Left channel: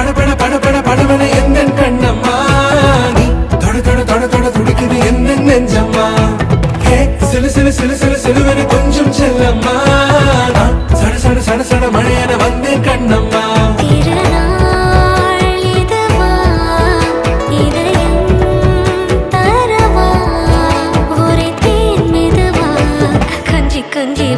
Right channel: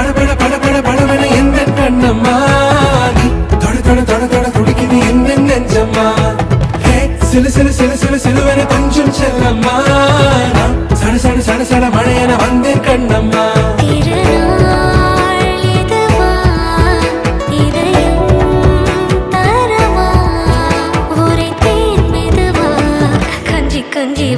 படபட படபட படபட எந்த கண்ணம்மா நீ தொட தொட தொட தொட துடிக்குது எந்த நெஞ்சம்மா ஹே சிலு சிலு சிலு சிலு சிலுவன கொஞ்சம் செல்லம்மா நான் சட சட சட சட மழையன வந்தேன் கண்ணம்மா திருநாள் இதுவா இதயம் தரவா ஒரே தேன் மெதுவா கஞ்சி கஞ்சி